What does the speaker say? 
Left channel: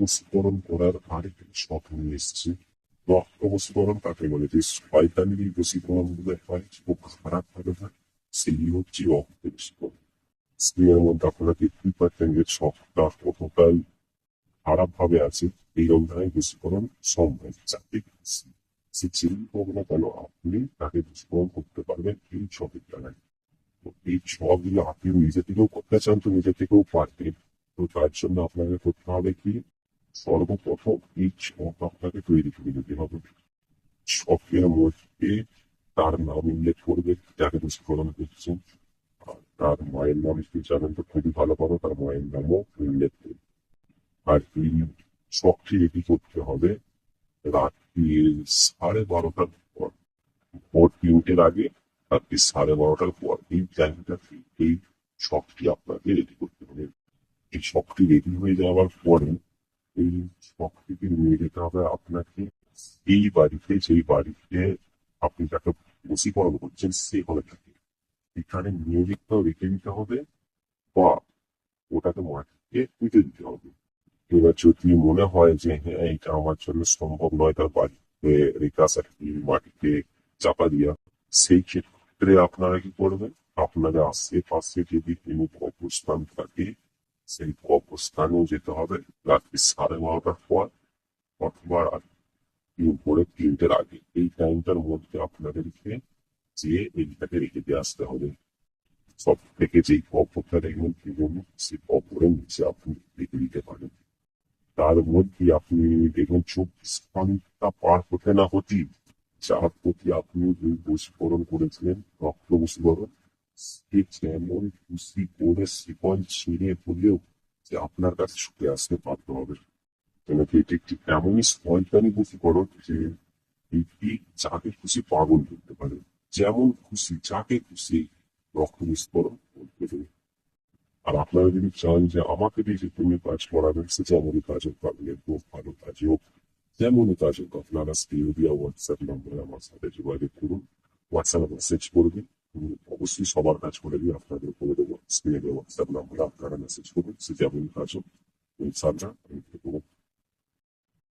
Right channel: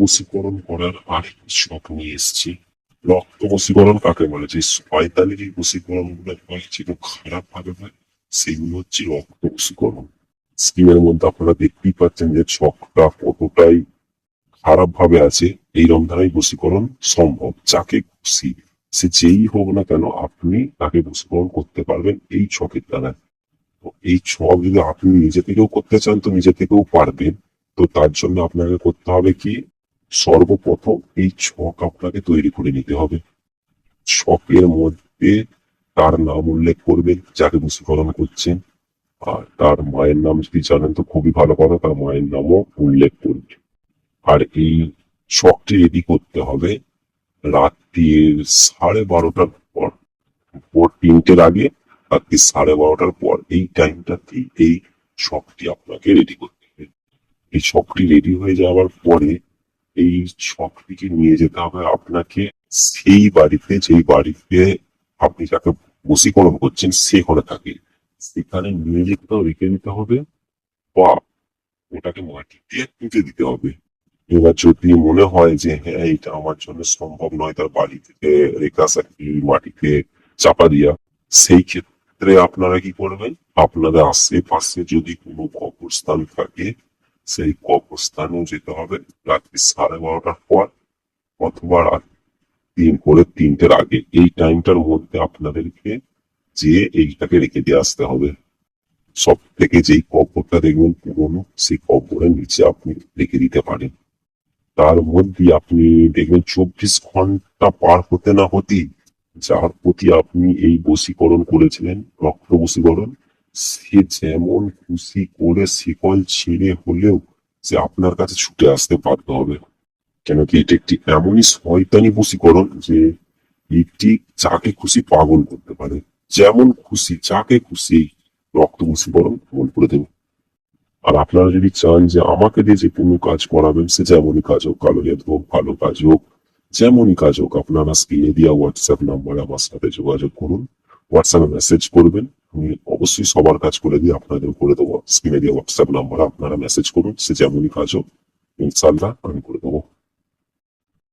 বশীকরণ করার আরেক শখ নিয়ে এসেছি। রক্ত বশীকরণ কাকে বলে? যে শয়তানি বশীকরণ গুলো হয়, যেগুলো খারাপ ভাবে হয়, সেগুলো হচ্ছে রক্ত বশীকরণ। স্ক্রিনের মধ্যে আপনারা দেখতেই পাচ্ছেন যে ছকটা কতটাই খারাপ ভাবে আছে। এই রমধারাই বশীকরণ সম্ভব। যাকে খুশি, সে যেই হোক না কেন, আপনি তাকে বশীকরণ করতে পারবেন এই ছকের দ্বারা। তো এই ছক যদি আপনি নিজে থেকেও করতে চান তো নিজে থেকেও পারবেন। তো তার জন্য আপনাকে করতে হবে কি, সর্বপ্রথম এই ছক আপনাকে তৈরি করে নিতে হবে। ছকের মধ্যে তার নাম উল্লেখ করবেন যাকে বশীকরণ করছেন। আর তার মায়ের নাম যদি জানেন তো খুবই ভালো কথা, তার মায়ের নামও উল্লেখ করবেন। আর এই ছকটি রেডি করতে হবে রাত্রির 12:30টার পর। ভোর 3টের আগে, রাত্রি 12:30টার পর, এই টাইমটাতেই এই ছকটি আপনাকে রেডি করতে হবে। এই ছকটি রেডি হয়ে যাওয়ার পরে এই ছকটিকে নিয়ে যেতে হবে আপনাকে সেই বাড়িতে, যেই বাড়িতে আপনি যাকে বশীকরণ করছেন সে করে থাকে, সেখানে নিয়ে যেতে রেখে দিতে হবে, বা ওটাকে মাটিতে পুঁতে দিতে হবে। এবার যদি মনে হয় যে হ্যাঁ এটা আমার জন্য সম্ভব নয় তার বাড়ি থেকে রেখে আসা মাটিতে চাপা দিয়া, সেই ক্ষেত্রে আপনারা কি করবেন, আপনাদের আশেপাশে যদি কোনো কবরস্থান থাকে সেই কবরস্থানেও যেতে হবে রাত্রি 12:30টার পর, অথবা রাত ভোরের 3টের আগে। এই টাইমটার মধ্যে আপনাদেরকে যে এইটাকে রেখে দিয়ে আসতে হবে। সব থেকে যেই কবরটা দেখবেন পুরোনো, সেই কবরের নিচে আপনি রেখে দিতে পারেন। তার মধ্যে আপনি দেখবেন 24 ঘন্টা পার হতে না হতেই যার প্রতি আপনি এই বশীকরণ করেছিলেন, রক্ত বশীকরণ, সে যেমন খুশি করে শিকল ছিঁড়ে হলেও সে আপনার কাছে ছুটে আসতে বাধ্য হবে। কেন কি, এটি একটি এমনই শয়তানি বশীকরণ যে এটি যাকে খুশি পাগল করতে পারে। যেমন খুশি যাকে খুশি রক্ত বশীকরণ পাগল করে দেবে। আর আপনারা যদি চান যে আমাকে দিয়ে যে কোনো কাজ করাবেন, সে যেমনই কাজ হোক, কালো জাদু হোক, ভালো কাজ হোক, যেমনই কাজ হোক, আপনারা স্ক্রিনে দেওয়া হোয়াটসঅ্যাপ নাম্বারে আমার সাথে যোগাযোগ করুন। হোয়াটসঅ্যাপে মেসেজ করবেন, আমি অবশ্যই সবার কাজ করে দিয়ে আপনাদের করে দেবো। স্ক্রিনে দেওয়া হোয়াটসঅ্যাপ নাম্বারে আপনারা মেসেজ করুন, সে যেমনই কাজ হোক ইনশাল্লাহ আমি করে দেবো।